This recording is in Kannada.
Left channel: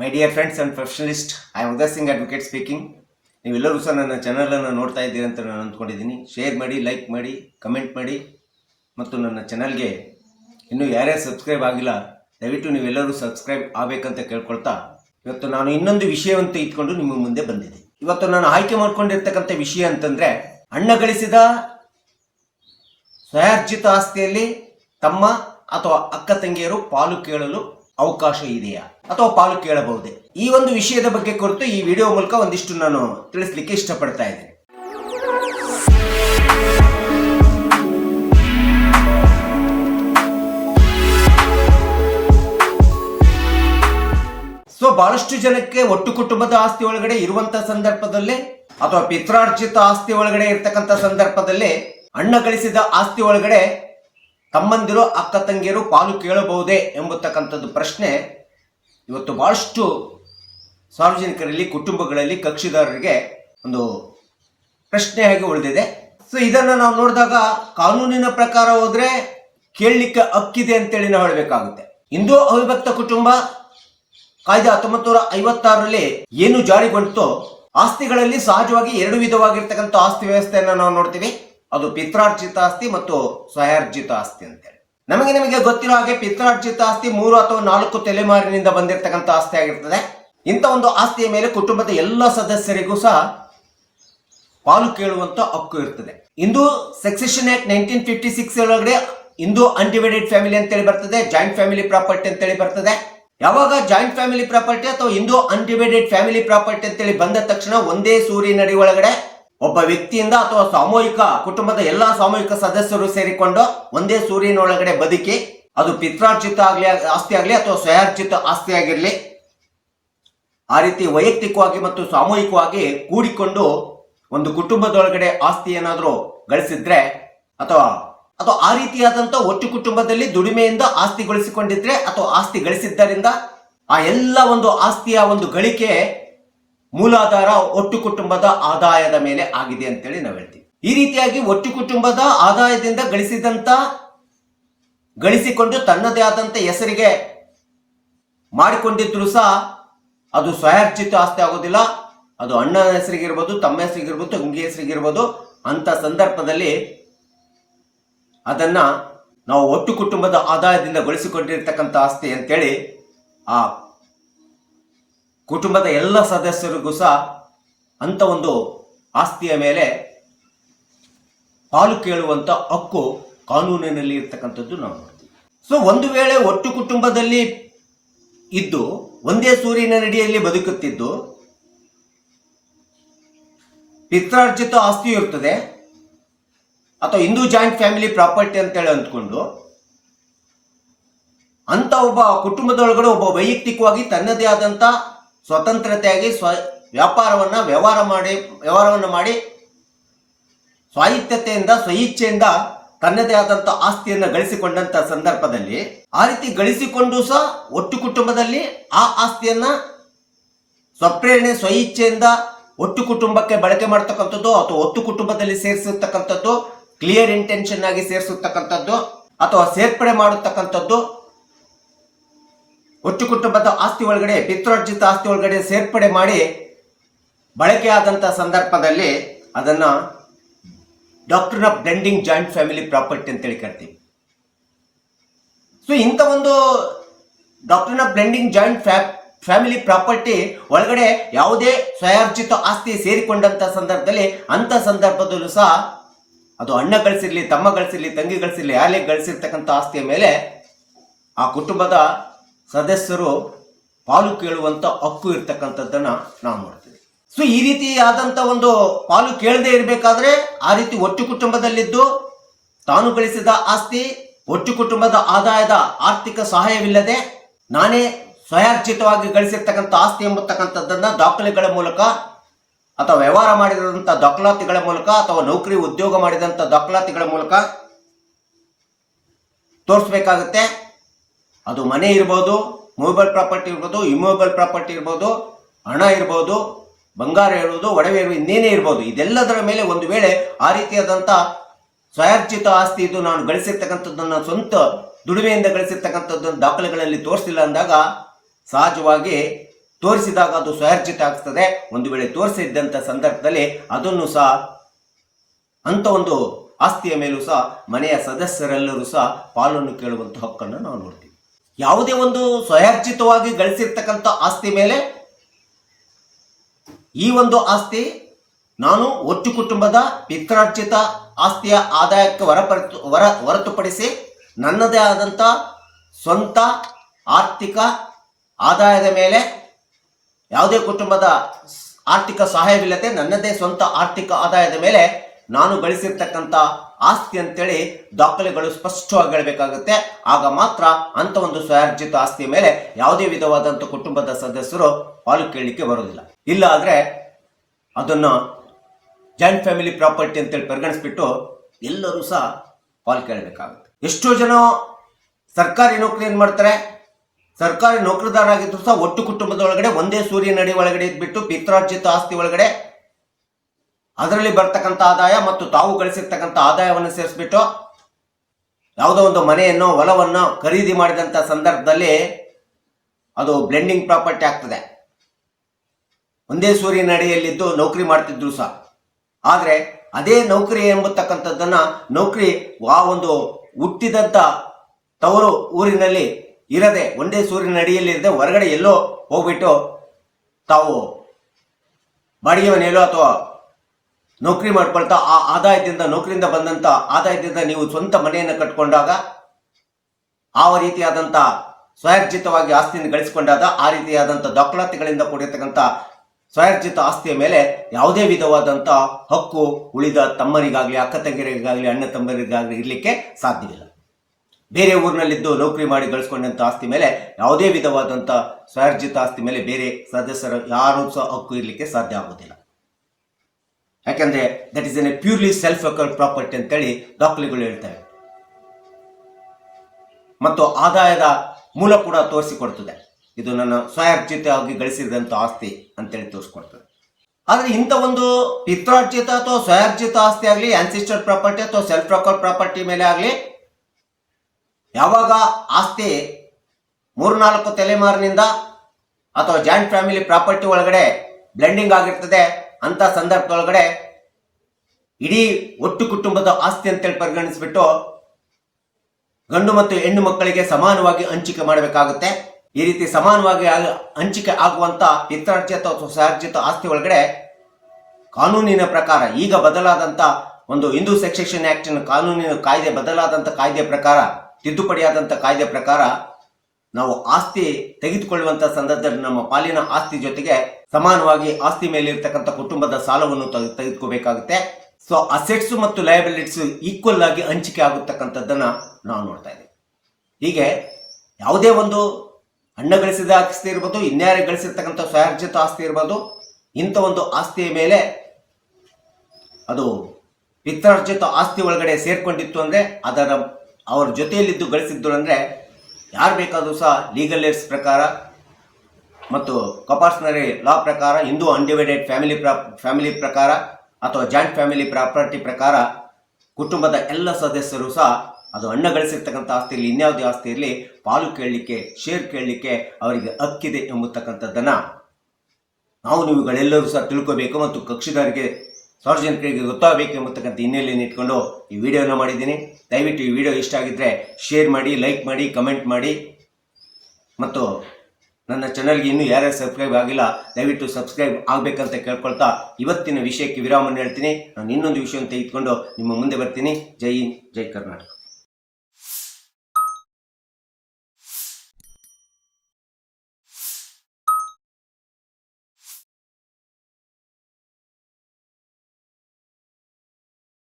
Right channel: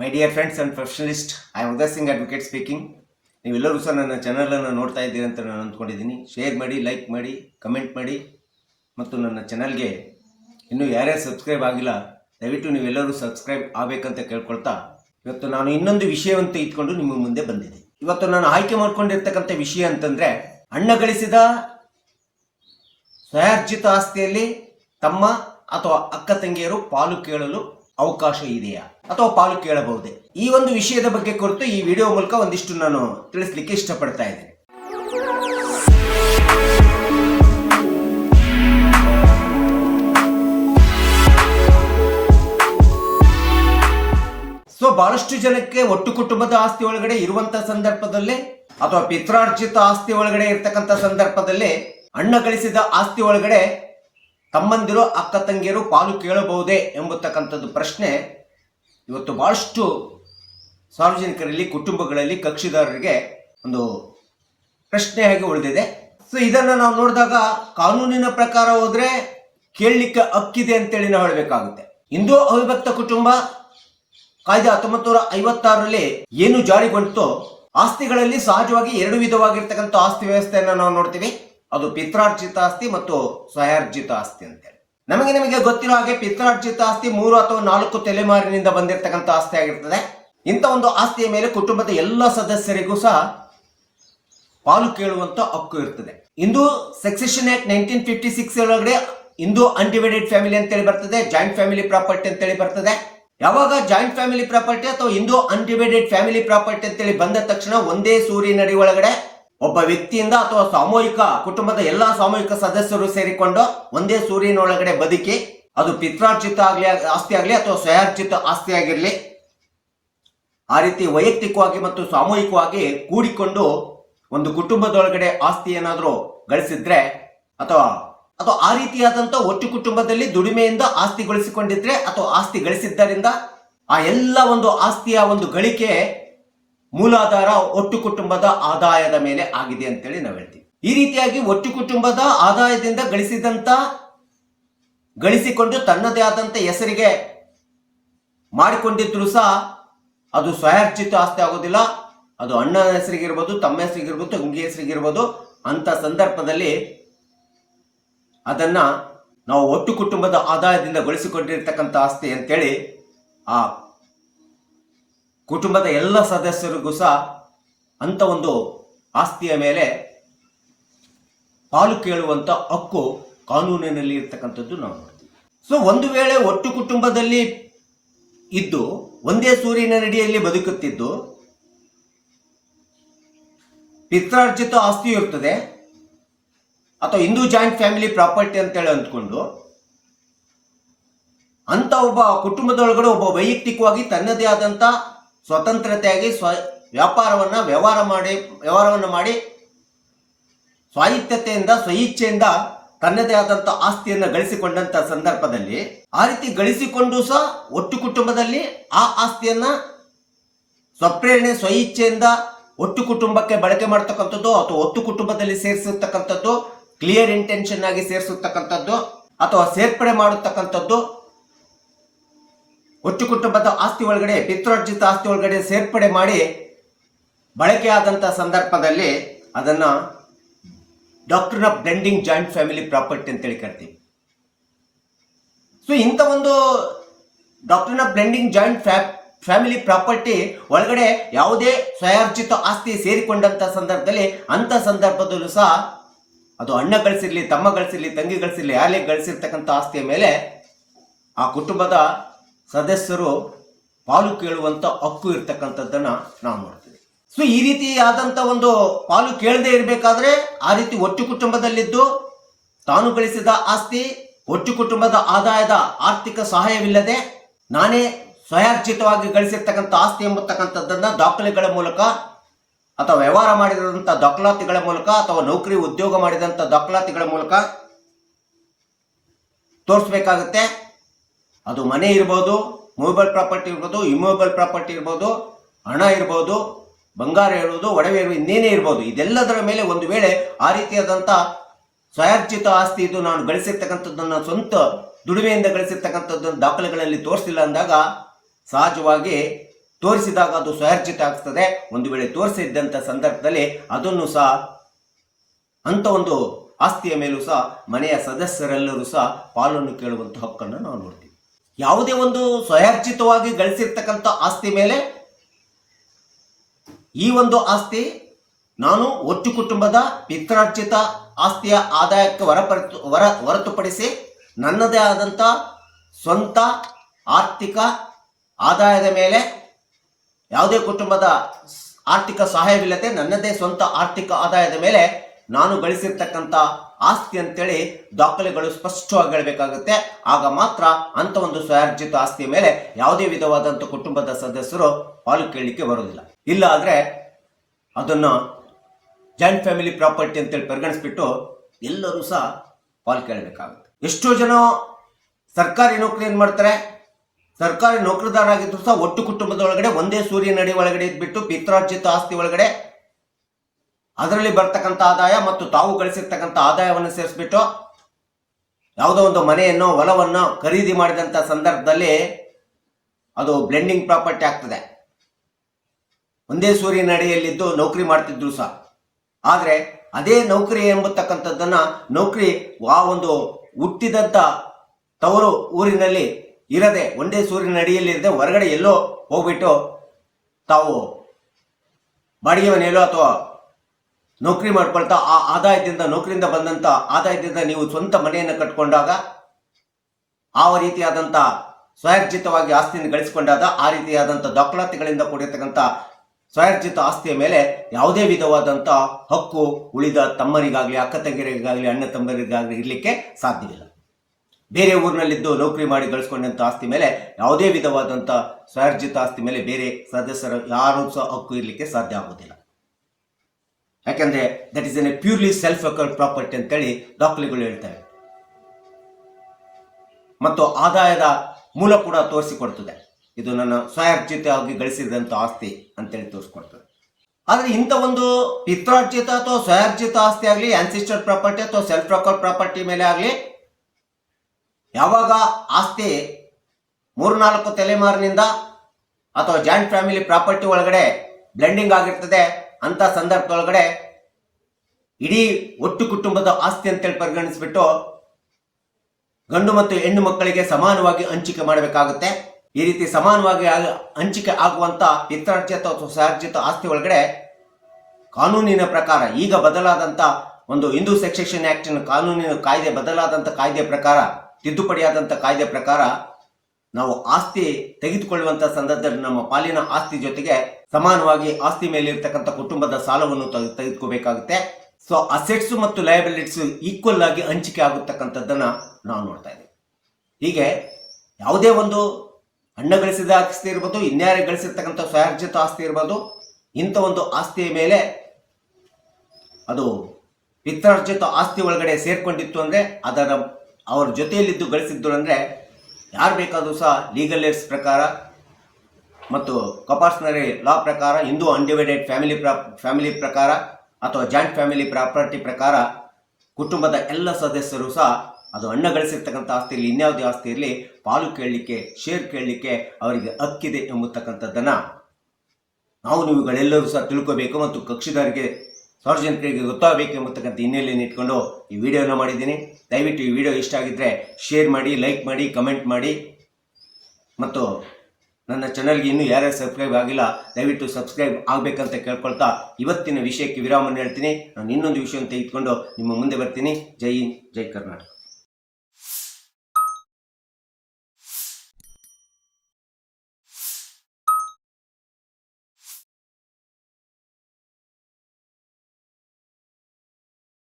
My dear friends and professionalist, I am Uday Singh advocate speaking. ನೀವೆಲ್ಲರೂ ಸಹ ನನ್ನ ಚಾನಲನ್ನು ನೋಡ್ತಾ ಇದ್ದೀರಿ ಅಂತ ನಾನು ಅಂದ್ಕೊಂಡಿದ್ದೀನಿ. ಶೇರ್ ಮಾಡಿ, ಲೈಕ್ ಮಾಡಿ, ಕಮೆಂಟ್ ಮಾಡಿ ಮತ್ತು ನನ್ನ ಚಾನಲ್ಗೆ ಇನ್ನೂ ಯಾರ್ಯಾರು ಸಬ್ಸ್ಕ್ರೈಬ್ ಆಗಿಲ್ಲ ದಯವಿಟ್ಟು ನೀವೆಲ್ಲರೂ ಸಬ್ಸ್ಕ್ರೈಬ್ ಆಗಬೇಕಂತ ಕೇಳ್ಕೊಳ್ತಾ ಇವತ್ತು ನಾನು ಇನ್ನೊಂದು ವಿಷಯವಂತ ಇಟ್ಕೊಂಡು ನಿಮ್ಮ ಮುಂದೆ ಬಂದಿದ್ದೀನಿ. ಇವತ್ತು ನಾನು ಆಯ್ಕೆ ಮಾಡ್ಕೊಂಡಿರ್ತಕ್ಕಂಥ ವಿಷಯ ಅಂತಂದ್ರೆ, ಅಣ್ಣ ಗಳಿಸಿದ ಸ್ವಯಾರ್ಜಿತ ಆಸ್ತಿಯಲ್ಲಿ ತಮ್ಮ ಅಥವಾ ಅಕ್ಕ ತಂಗಿಯರು ಪಾಲು ಕೇಳಲು ಅವಕಾಶ ಇದೆಯಾ ಅಥವಾ ಪಾಲು ಕೇಳಬಹುದೇ? ಈ ಒಂದು ವಿಷಯದ ಬಗ್ಗೆ ಕುರಿತು ಈ ವಿಡಿಯೋ ಮೂಲಕ ಒಂದಿಷ್ಟು ನಾನು ತಿಳಿಸ್ಲಿಕ್ಕೆ ಇಷ್ಟಪಡ್ತಾ ಇದ್ದೇನೆ. ಸೊ ಬಹಳಷ್ಟು ಜನಕ್ಕೆ ಒಟ್ಟು ಕುಟುಂಬದ ಆಸ್ತಿ ಒಳಗಡೆ ಇರುವಂತ ಸಂದರ್ಭದಲ್ಲಿ ಅಥವಾ ಪಿತ್ರಾರ್ಜಿತ ಆಸ್ತಿ ಒಳಗಡೆ ಇರ್ತಕ್ಕಂಥ ಸಂದರ್ಭದಲ್ಲಿ ಅಣ್ಣ ಗಳಿಸಿದ ಆಸ್ತಿ ಒಳಗಡೆ ತಮ್ಮಂದಿರು ಅಕ್ಕ ತಂಗಿಯರು ಪಾಲು ಕೇಳಬಹುದೇ ಎಂಬತಕ್ಕಂಥದ್ದು ಪ್ರಶ್ನೆ ಇವತ್ತು ಬಹಳಷ್ಟು ಸಾರ್ವಜನಿಕರಲ್ಲಿ, ಕುಟುಂಬಗಳಲ್ಲಿ, ಕಕ್ಷಿದಾರರಿಗೆ ಒಂದು ಪ್ರಶ್ನೆಯಾಗಿ ಉಳಿದಿದೆ. ಸೊ ಇದನ್ನ ನಾವು ನೋಡಿದಾಗ ಕಾನೂನಿನ ಪ್ರಕಾರ ಹೋದ್ರೆ ಕೇಳಲಿಕ್ಕೆ ಹಕ್ಕಿದೆ ಅಂತೇಳಿ ನಾವು ಹೇಳಬೇಕಾಗುತ್ತೆ. ಹಿಂದೂ ಅವಿಭಕ್ತ ಕುಟುಂಬ ಕಾಯ್ದೆ 1956ರಲ್ಲಿ ಏನು ಜಾರಿಗೊಂಡಿತೋ, ಆಸ್ತಿಗಳಲ್ಲಿ ಸಹಜವಾಗಿ ಎರಡು ವಿಧವಾಗಿರ್ತಕ್ಕಂಥ ಆಸ್ತಿ ವ್ಯವಸ್ಥೆಯನ್ನು ನಾವು ನೋಡ್ತೀವಿ. ಅದು ಪಿತ್ರಾರ್ಜಿತ ಆಸ್ತಿ ಮತ್ತು ಸ್ವಯಾರ್ಜಿತ ಆಸ್ತಿ ಅಂತೇಳಿ. ನಿಮಗೆ ಗೊತ್ತಿರೋ ಹಾಗೆ ಪಿತ್ರಾರ್ಜಿತ ಆಸ್ತಿ 3 ಅಥವಾ 4 ತಲೆಮಾರಿನಿಂದ ಬಂದಿರತಕ್ಕಂಥ ಆಸ್ತಿ ಆಗಿರ್ತದೆ. ಇಂಥ ಒಂದು ಆಸ್ತಿಯ ಮೇಲೆ ಕುಟುಂಬದ ಎಲ್ಲ ಸದಸ್ಯರಿಗೂ ಸಹ ಪಾಲು ಕೇಳುವಂತ ಹಕ್ಕು ಇರ್ತದೆ. ಇಂದು ಸಕ್ಸೆಷನ್ ಆಕ್ಟ್ 1956 ಒಳಗಡೆ ಇಂದು ಅನ್ಡಿವೈಡೆಡ್ ಫ್ಯಾಮಿಲಿ ಅಂತೇಳಿ ಬರ್ತದೆ, ಜಾಯಿಂಟ್ ಫ್ಯಾಮಿಲಿ ಪ್ರಾಪರ್ಟಿ ಅಂತೇಳಿ ಬರ್ತದೆ. ಯಾವಾಗ ಜಾಯಿಂಟ್ ಫ್ಯಾಮಿಲಿ ಪ್ರಾಪರ್ಟಿ ಅಥವಾ ಇಂದು ಅನ್ಡಿವೈಡೆಡ್ ಫ್ಯಾಮಿಲಿ ಪ್ರಾಪರ್ಟಿ ಅಂತೇಳಿ ಬಂದ ತಕ್ಷಣ ಒಂದೇ ಸೂರಿನಡಿ ಒಳಗಡೆ ಒಬ್ಬ ವ್ಯಕ್ತಿಯಿಂದ ಅಥವಾ ಸಾಮೂಹಿಕ ಕುಟುಂಬದ ಎಲ್ಲಾ ಸಾಮೂಹಿಕ ಸದಸ್ಯರು ಸೇರಿಕೊಂಡು ಒಂದೇ ಸೂರಿನ ಒಳಗಡೆ ಬದುಕಿ, ಅದು ಪಿತ್ರಾರ್ಜಿತ ಆಸ್ತಿ ಆಗಲಿ ಅಥವಾ ಸ್ವಯಾರ್ಜಿತ ಆಸ್ತಿ ಆಗಿರ್ಲಿ, ಆ ರೀತಿ ವೈಯಕ್ತಿಕವಾಗಿ ಮತ್ತು ಸಾಮೂಹಿಕವಾಗಿ ಕೂಡಿಕೊಂಡು ಒಂದು ಕುಟುಂಬದೊಳಗಡೆ ಆಸ್ತಿ ಏನಾದ್ರೂ ಗಳಿಸಿದ್ರೆ ಅಥವಾ ಆ ರೀತಿಯಾದಂತ ಒಟ್ಟು ಕುಟುಂಬದಲ್ಲಿ ದುಡಿಮೆಯಿಂದ ಆಸ್ತಿ ಗಳಿಸಿಕೊಂಡಿದ್ರೆ ಅಥವಾ ಆಸ್ತಿ ಗಳಿಸಿದ್ದರಿಂದ ಆ ಎಲ್ಲ ಒಂದು ಆಸ್ತಿಯ ಒಂದು ಗಳಿಕೆ ಮೂಲಾಧಾರ ಒಟ್ಟು ಕುಟುಂಬದ ಆದಾಯದ ಮೇಲೆ ಆಗಿದೆ ಅಂತೇಳಿ ನಾವು ಹೇಳ್ತೀವಿ. ಈ ರೀತಿಯಾಗಿ ಒಟ್ಟು ಕುಟುಂಬದ ಆದಾಯದಿಂದ ಗಳಿಸಿಕೊಂಡು ತನ್ನದೇ ಆದಂತ ಹೆಸರಿಗೆ ಮಾಡಿಕೊಂಡಿದ್ರು ಸಹ ಅದು ಸ್ವಯಾರ್ಜಿತ ಆಸ್ತಿ ಆಗೋದಿಲ್ಲ. ಅದು ಅಣ್ಣ ಹೆಸರಿಗಿರ್ಬೋದು, ತಮ್ಮ ಹೆಸರಿಗಿರ್ಬೋದು, ತಂಗಿ ಹೆಸರಿಗಿರ್ಬೋದು. ಅಂತ ಸಂದರ್ಭದಲ್ಲಿ ಅದನ್ನ ನಾವು ಒಟ್ಟು ಕುಟುಂಬದ ಆದಾಯದಿಂದ ಗಳಿಸಿಕೊಂಡಿರ್ತಕ್ಕಂಥ ಆಸ್ತಿ ಅಂತೇಳಿ ಆ ಕುಟುಂಬದ ಎಲ್ಲ ಸದಸ್ಯರಿಗೂ ಸಹ ಅಂತ ಒಂದು ಆಸ್ತಿಯ ಮೇಲೆ ಪಾಲು ಕೇಳುವಂತ ಹಕ್ಕು ಕಾನೂನಿನಲ್ಲಿ ಇರ್ತಕ್ಕಂಥದ್ದು ನಾವು. ಸೊ ಒಂದು ವೇಳೆ ಒಟ್ಟು ಕುಟುಂಬದಲ್ಲಿ ಇದ್ದು ಒಂದೇ ಸೂರಿನ ನಡಿಯಲ್ಲಿ ಬದುಕುತ್ತಿದ್ದು ಪಿತ್ರಾರ್ಜಿತ ಆಸ್ತಿ ಇರ್ತದೆ ಅಥವಾ ಹಿಂದೂ ಜಾಯಿಂಟ್ ಫ್ಯಾಮಿಲಿ ಪ್ರಾಪರ್ಟಿ ಅಂತೇಳಿ ಅಂದ್ಕೊಂಡು ಅಂತ ಒಬ್ಬ ಕುಟುಂಬದೊಳಗಡೆ ಒಬ್ಬ ವೈಯಕ್ತಿಕವಾಗಿ ತನ್ನದೇ ಆದಂತ ಸ್ವತಂತ್ರತೆಯಾಗಿ ವ್ಯವಹಾರವನ್ನು ಮಾಡಿ ಸ್ವಾಯತ್ತತೆಯಿಂದ ಸ್ವಇಚ್ಛೆಯಿಂದ ತನ್ನದೇ ಆದಂತ ಆಸ್ತಿಯನ್ನು ಗಳಿಸಿಕೊಂಡಂತ ಸಂದರ್ಭದಲ್ಲಿ ಆ ರೀತಿ ಗಳಿಸಿಕೊಂಡು ಸಹ ಒಟ್ಟು ಕುಟುಂಬದಲ್ಲಿ ಆ ಆಸ್ತಿಯನ್ನ ಸ್ವಪ್ರೇರಣೆ ಸ್ವಇಚ್ಛೆಯಿಂದ ಒಟ್ಟು ಕುಟುಂಬಕ್ಕೆ ಬಳಕೆ ಮಾಡ್ತಕ್ಕಂಥದ್ದು ಅಥವಾ ಒಟ್ಟು ಕುಟುಂಬದಲ್ಲಿ ಸೇರಿಸತಕ್ಕಂಥದ್ದು, ಕ್ಲಿಯರ್ ಇಂಟೆನ್ಷನ್ ಆಗಿ ಸೇರಿಸತಕ್ಕಂಥದ್ದು ಅಥವಾ ಸೇರ್ಪಡೆ ಮಾಡತಕ್ಕಂಥದ್ದು, ಒಟ್ಟು ಕುಟುಂಬದ ಆಸ್ತಿ ಒಳಗಡೆ ಪಿತ್ರಾರ್ಜಿತ ಆಸ್ತಿ ಒಳಗಡೆ ಸೇರ್ಪಡೆ ಮಾಡಿ ಬಳಕೆ ಆದಂತ ಸಂದರ್ಭದಲ್ಲಿ ಅದನ್ನ doctrine of blending joint family property ಅಂತೇಳಿ ಕರಿತೀವಿ. ಸೊ ಇಂಥ ಒಂದು doctrine of blending joint family property ಒಳಗಡೆ ಯಾವುದೇ ಸ್ವಯಾರ್ಜಿತ ಆಸ್ತಿ ಸೇರಿಕೊಂಡಂತ ಸಂದರ್ಭದಲ್ಲಿ ಅಂತ ಸಂದರ್ಭದಲ್ಲೂ ಸಹ ಅದು ಅಣ್ಣ ಗಳಿಸಿರ್ಲಿ, ತಮ್ಮ ಗಳಿಸಿರ್ಲಿ, ತಂಗಿ ಗಳಿಸಿರ್ಲಿ, ಯಾರೇ ಗಳಿಸಿರ್ತಕ್ಕಂಥ ಆಸ್ತಿಯ ಮೇಲೆ ಆ ಕುಟುಂಬದ ಸದಸ್ಯರು ಪಾಲು ಕೇಳುವಂತ ಹಕ್ಕು ಇರ್ತಕ್ಕಂಥದ್ದನ್ನ ನಾವು ನೋಡ್ತೀವಿ. ಸೊ ಈ ರೀತಿ ಆದಂತ ಒಂದು ಪಾಲು ಕೇಳದೆ ಇರಬೇಕಾದ್ರೆ ಆ ರೀತಿ ಒಟ್ಟು ಕುಟುಂಬದಲ್ಲಿದ್ದು ತಾನು ಗಳಿಸಿದ ಆಸ್ತಿ ಒಟ್ಟು ಕುಟುಂಬದ ಆದಾಯದ ಆರ್ಥಿಕ ಸಹಾಯವಿಲ್ಲದೆ ನಾನೇ ಸ್ವಯಾರ್ಜಿತವಾಗಿ ಗಳಿಸಿರ್ತಕ್ಕಂಥ ಆಸ್ತಿ ಎಂಬತಕ್ಕಂಥದ್ದನ್ನ ದಾಖಲೆಗಳ ಮೂಲಕ ಅಥವಾ ವ್ಯವಹಾರ ಮಾಡಿದಂತ ದಾಖಲಾತಿಗಳ ಮೂಲಕ ಅಥವಾ ನೌಕರಿ ಉದ್ಯೋಗ ಮಾಡಿದಂತ ದಾಖಲಾತಿಗಳ ಮೂಲಕ ತೋರಿಸಬೇಕಾಗುತ್ತೆ. ಅದು ಮನೆ ಇರ್ಬೋದು, ಮೊಬೈಲ್ ಪ್ರಾಪರ್ಟಿ ಇರ್ಬೋದು, ಇಮ್ಮೊಬೈಲ್ ಪ್ರಾಪರ್ಟಿ ಇರ್ಬೋದು, ಹಣ ಇರ್ಬೋದು, ಬಂಗಾರ ಇರ್ಬೋದು, ಒಡವೆ ಇನ್ನೇನೇ ಇರ್ಬೋದು. ಇದೆಲ್ಲದರ ಮೇಲೆ ಒಂದು ವೇಳೆ ಆ ರೀತಿಯಾದಂತ ಸ್ವಯಾರ್ಜಿತ ಆಸ್ತಿ ಇದು ನಾನು ಗಳಿಸಿರ್ತಕ್ಕಂಥದ್ದನ್ನು ಸ್ವಂತ ದುಡಿಮೆಯಿಂದ ಗಳಿಸಿರ್ತಕ್ಕಂಥದ್ದನ್ನು ದಾಖಲೆಗಳಲ್ಲಿ ತೋರಿಸಿಲ್ಲ ಅಂದಾಗ ಸಹಜವಾಗಿ ತೋರಿಸಿದಾಗ ಅದು ಸ್ವರ್ಜಿತ ಆಗ್ತದೆ. ಒಂದು ವೇಳೆ ತೋರಿಸಿದ್ದಂಥ ಸಂದರ್ಭದಲ್ಲಿ ಅದನ್ನು ಸಹ ಅಂತ ಒಂದು ಆಸ್ತಿಯ ಮೇಲೂ ಸಹ ಮನೆಯ ಸದಸ್ಯರೆಲ್ಲರೂ ಸಹ ಪಾಲನ್ನು ಕೇಳುವಂತ ಹಕ್ಕನ್ನು ನಾವು ನೋಡ್ತೀವಿ. ಯಾವುದೇ ಒಂದು ಸ್ವಯಾರ್ಜಿತವಾಗಿ ಗಳಿಸಿರ್ತಕ್ಕಂಥ ಆಸ್ತಿ ಮೇಲೆ ಈ ಒಂದು ಆಸ್ತಿ ನಾನು ಒಟ್ಟು ಕುಟುಂಬದ ಪಿತ್ರಾರ್ಜಿತ ಆಸ್ತಿಯ ಆದಾಯಕ್ಕೆ ಹೊರತುಪಡಿಸಿ ನನ್ನದೇ ಆದಂತ ಸ್ವಂತ ಆರ್ಥಿಕ ಆದಾಯದ ಮೇಲೆ ಯಾವುದೇ ಕುಟುಂಬದ ಆರ್ಥಿಕ ಸಹಾಯವಿಲ್ಲದೆ ನನ್ನದೇ ಸ್ವಂತ ಆರ್ಥಿಕ ಆದಾಯದ ಮೇಲೆ ನಾನು ಗಳಿಸಿರ್ತಕ್ಕಂಥ ಆಸ್ತಿ ಅಂತೇಳಿ ದಾಖಲೆಗಳು ಸ್ಪಷ್ಟವಾಗಿ ಹೇಳಬೇಕಾಗುತ್ತೆ. ಆಗ ಮಾತ್ರ ಅಂತ ಒಂದು ಸ್ವಯಾರ್ಜಿತ ಆಸ್ತಿ ಮೇಲೆ ಯಾವುದೇ ವಿಧವಾದಂಥ ಕುಟುಂಬದ ಸದಸ್ಯರು ಪಾಲು ಕೇಳಲಿಕ್ಕೆ ಬರುವುದಿಲ್ಲ. ಇಲ್ಲ ಆದ್ರೆ ಅದನ್ನ ಜಾಯಿಂಟ್ ಫ್ಯಾಮಿಲಿ ಪ್ರಾಪರ್ಟಿ ಅಂತೇಳಿ ಪರಿಗಣಿಸ್ಬಿಟ್ಟು ಎಲ್ಲರೂ ಸಹ ಪಾಲು ಕೇಳಬೇಕಾಗುತ್ತೆ. ಎಷ್ಟೋ ಜನ ಸರ್ಕಾರಿ ನೌಕರಿ ಏನ್ ಮಾಡ್ತಾರೆ, ಸರ್ಕಾರಿ ನೌಕರಿದಾರ ಆಗಿದ್ರು ಸಹ ಒಟ್ಟು ಕುಟುಂಬದ ಒಳಗಡೆ ಒಂದೇ ಸೂರ್ಯನಡಿ ಒಳಗಡೆ ಇದ್ಬಿಟ್ಟು ಪಿತ್ರಾರ್ಜಿತ ಆಸ್ತಿ ಒಳಗಡೆ ಅದರಲ್ಲಿ ಬರ್ತಕ್ಕಂಥ ಆದಾಯ ಮತ್ತು ತಾವು ಗಳಿಸಿರ್ತಕ್ಕಂಥ ಆದಾಯವನ್ನು ಸೇರಿಸ್ಬಿಟ್ಟು ಯಾವುದೋ ಒಂದು ಮನೆಯನ್ನು ಹೊಲವನ್ನು ಖರೀದಿ ಮಾಡಿದಂತ ಸಂದರ್ಭದಲ್ಲಿ ಅದು ಬ್ಲೆಂಡಿಂಗ್ ಪ್ರಾಪರ್ಟಿ ಆಗ್ತದೆ. ಒಂದೇ ಸೂರ್ಯನ ಅಡಿಯಲ್ಲಿದ್ದು ನೌಕರಿ ಮಾಡ್ತಿದ್ರು ಸಹ, ಆದ್ರೆ ಅದೇ ನೌಕರಿ ಎಂಬತಕ್ಕಂಥದ್ದನ್ನ ನೌಕರಿ ಆ ಒಂದು ಹುಟ್ಟಿದಂತ ತವರು ಊರಿನಲ್ಲಿ ಇರದೆ ಒಂದೇ ಸೂರ್ಯನ ಅಡಿಯಲ್ಲಿ ಇರದೆ ಹೊರಗಡೆ ಎಲ್ಲೋ ಹೋಗ್ಬಿಟ್ಟು ತಾವು ಬಾಡಿಯವನೇನೋ ಅಥವಾ ನೌಕರಿ ಮಾಡ್ಕೊಳ್ತಾ ಆ ಆದಾಯದಿಂದ ನೌಕರಿಯಿಂದ ಬಂದಂತ ಆದಾಯದಿಂದ ನೀವು ಸ್ವಂತ ಮನೆಯನ್ನು ಕಟ್ಕೊಂಡಾಗ ಆ ರೀತಿಯಾದಂತ ಸ್ವಯಾರ್ಜಿತವಾಗಿ ಆಸ್ತಿಯನ್ನು ಗಳಿಸಿಕೊಂಡಾಗ ಆ ರೀತಿಯಾದಂತ ದಾಖಲಾತಿಗಳಿಂದ ಕೂಡಿರ್ತಕ್ಕಂಥ ಸ್ವಯಾರ್ಜಿತ ಆಸ್ತಿಯ ಮೇಲೆ ಯಾವುದೇ ವಿಧವಾದಂತ ಹಕ್ಕು ಉಳಿದ ತಮ್ಮರಿಗಾಗ್ಲಿ ಅಕ್ಕ ತಂಗಿಯರಿಗಾಗ್ಲಿ ಅಣ್ಣ ತಮ್ಮರಿಗಾಗ್ಲಿ ಇರ್ಲಿಕ್ಕೆ ಸಾಧ್ಯವಿಲ್ಲ. ಬೇರೆ ಊರಿನಲ್ಲಿದ್ದು ನೌಕರಿ ಮಾಡಿ ಗಳಿಸಿಕೊಂಡಂತ ಆಸ್ತಿ ಮೇಲೆ ಯಾವುದೇ ವಿಧವಾದಂತ ಸ್ವಯಾರ್ಜಿತ ಆಸ್ತಿ ಮೇಲೆ ಬೇರೆ ಸದಸ್ಯರ ಯಾರು ಸಹ ಹಕ್ಕು ಇರ್ಲಿಕ್ಕೆ ಸಾಧ್ಯ ಆಗುವುದಿಲ್ಲ. ಯಾಕಂದ್ರೆ that is A purely self occurred property ಅಂತೇಳಿ ದಾಖಲೆಗಳು ಹೇಳ್ತವೆ ಮತ್ತು ಆದಾಯದ ಮೂಲ ಕೂಡ ತೋರಿಸಿಕೊಡ್ತದೆ. ಇದು ನನ್ನ ಸ್ವಯಾರ್ಜಿತವಾಗಿ ಗಳಿಸಿದಂತ ಆಸ್ತಿ ಅಂತೇಳಿ ತೋರಿಸ್ಕೊಡ್ತದೆ. ಆದ್ರೆ ಇಂಥ ಒಂದು ಪಿತ್ರಾರ್ಜಿತ ಅಥವಾ ಸ್ವಯಾರ್ಜಿತ ಆಸ್ತಿ ಆಗಲಿ, ಆನ್ಸಿಸ್ಟರ್ ಪ್ರಾಪರ್ಟಿ ಅಥವಾ ಸೆಲ್ಫ್ ಅಕರ್ಡ್ ಪ್ರಾಪರ್ಟಿ ಮೇಲೆ ಆಗಲಿ ಯಾವಾಗ ಆಸ್ತಿ 3-4 ತಲೆಮಾರಿನಿಂದ ಅಥವಾ ಜಾಯಿಂಟ್ ಫ್ಯಾಮಿಲಿ ಪ್ರಾಪರ್ಟಿ ಒಳಗಡೆ ಬ್ಲೆಂಡಿಂಗ್ ಆಗಿರ್ತದೆ ಅಂತ ಸಂದರ್ಭದೊಳಗಡೆ ಇಡೀ ಒಟ್ಟು ಕುಟುಂಬದ ಆಸ್ತಿ ಅಂತೇಳಿ ಪರಿಗಣಿಸ್ಬಿಟ್ಟು ಗಂಡು ಮತ್ತು ಹೆಣ್ಣು ಮಕ್ಕಳಿಗೆ ಸಮಾನವಾಗಿ ಹಂಚಿಕೆ ಮಾಡಬೇಕಾಗುತ್ತೆ. ಈ ರೀತಿ ಸಮಾನವಾಗಿ ಹಂಚಿಕೆ ಆಗುವಂತ ಪಿತ್ರಾರ್ಜಿತ ಅಥವಾ ಸ್ವಯಾರ್ಜಿತ ಆಸ್ತಿ ಒಳಗಡೆ ಕಾನೂನಿನ ಪ್ರಕಾರ ಈಗ ಬದಲಾದಂತ ಒಂದು ಹಿಂದೂ ಸಕ್ಸೆಷನ್ ಆಕ್ಟ್ ಕಾನೂನಿನ ಕಾಯ್ದೆ ಬದಲಾದಂತ ಕಾಯ್ದೆ ಪ್ರಕಾರ, ತಿದ್ದುಪಡಿಯಾದಂತ ಕಾಯ್ದೆ ಪ್ರಕಾರ ನಾವು ಆಸ್ತಿ ತೆಗೆದುಕೊಳ್ಳುವಂತ ಸಂದರ್ಭದಲ್ಲಿ ನಮ್ಮ ಪಾಲಿನ ಆಸ್ತಿ ಜೊತೆಗೆ ಸಮಾನವಾಗಿ ಆಸ್ತಿ ಮೇಲೆ ಇರ್ತಕ್ಕಂಥ ಕುಟುಂಬದ ಸಾಲವನ್ನು ತೆಗೆದುಕೋಬೇಕಾಗುತ್ತೆ. ಸೊ ಅಸೆಟ್ಸ್ ಮತ್ತು ಲಯಬಿಲಿಟೀಸ್ ಈಕ್ವಲ್ ಆಗಿ ಹಂಚಿಕೆ ಆಗುತ್ತಕ್ಕಂಥದ್ದನ್ನ ನಾವು ನೋಡ್ತಾ ಇದ್ದೀವಿ. ಹೀಗೆ ಯಾವುದೇ ಒಂದು ಅಣ್ಣ ಗಳಿಸಿದ ಆಸ್ತಿ ಇರ್ಬೋದು, ಇನ್ಯಾರೇ ಗಳಿಸಿರ್ತಕ್ಕಂಥ ಸ್ವಯಾರ್ಜಿತ ಆಸ್ತಿ ಇರ್ಬೋದು, ಇಂಥ ಒಂದು ಆಸ್ತಿಯ ಮೇಲೆ ಅದು ಪಿತ್ರಾರ್ಜಿತ ಆಸ್ತಿ ಒಳಗಡೆ ಸೇರ್ಕೊಂಡಿತ್ತು ಅಂದ್ರೆ ಅವ್ರ ಜೊತೆಯಲ್ಲಿದ್ದು ಗಳಿಸಿದ್ರು ಅಂದ್ರೆ ಯಾರು ಬೇಕಾದ್ರೂ ಸಹ ಲೀಗಲ್ ಏಡ್ಸ್ ಪ್ರಕಾರ ಮತ್ತು ಕಪಾರ್ಷನರಿ ಲಾ ಪ್ರಕಾರ, ಹಿಂದೂ ಅನ್ಡಿವೈಡೆಡ್ ಫ್ಯಾಮಿಲಿ ಪ್ರಕಾರ ಅಥವಾ ಜಾಯಿಂಟ್ ಫ್ಯಾಮಿಲಿ ಪ್ರಾಪರ್ಟಿ ಪ್ರಕಾರ ಕುಟುಂಬದ ಎಲ್ಲ ಸದಸ್ಯರು ಸಹ ಅದು ಅಣ್ಣ ಗಳಿಸಿರ್ತಕ್ಕಂಥ ಆಸ್ತಿಯಲ್ಲಿ ಇನ್ಯಾವುದೇ ಆಸ್ತಿ ಇರಲಿ ಪಾಲು ಕೇಳಲಿಕ್ಕೆ, ಶೇರ್ ಕೇಳಲಿಕ್ಕೆ ಅವರಿಗೆ ಹಕ್ಕಿದೆ ಎಂಬತಕ್ಕಂಥದ್ದನ್ನ ನಾವು ನೀವುಗಳೆಲ್ಲರೂ ಸಹ ತಿಳ್ಕೋಬೇಕು ಮತ್ತು ಕಕ್ಷಿದಾರಿಗೆ ಸಾರ್ವಜನಿಕರಿಗೆ ಗೊತ್ತಾಗಬೇಕು ಎಂಬತಕ್ಕಂಥ ಹಿನ್ನೆಲೆಯನ್ನು ಇಟ್ಕೊಂಡು ಈ ವಿಡಿಯೋನ ಮಾಡಿದ್ದೀನಿ. ದಯವಿಟ್ಟು ಈ ವಿಡಿಯೋ ಇಷ್ಟ ಆಗಿದ್ರೆ ಶೇರ್ ಮಾಡಿ, ಲೈಕ್ ಮಾಡಿ, ಕಮೆಂಟ್ ಮಾಡಿ ಮತ್ತು ನನ್ನ ಚಾನೆಲ್ಗೆ ಇನ್ನೂ ಯಾರ್ಯಾರು ಸಬ್ಸ್ಕ್ರೈಬ್ ಆಗಿಲ್ಲ ದಯವಿಟ್ಟು ಸಬ್ಸ್ಕ್ರೈಬ್ ಆಗಬೇಕಂತ ಕೇಳ್ಕೊಳ್ತಾ ಇವತ್ತಿನ ವಿಷಯಕ್ಕೆ ವಿರಾಮವನ್ನು ಹೇಳ್ತೀನಿ. ನಾನು ಇನ್ನೊಂದು ವಿಷಯವನ್ನು ತೆಗೆದುಕೊಂಡು ನಿಮ್ಮ ಮುಂದೆ ಬರ್ತೀನಿ. ಜೈ ಹಿಂದ್, ಜೈ ಕರ್ನಾಟಕ.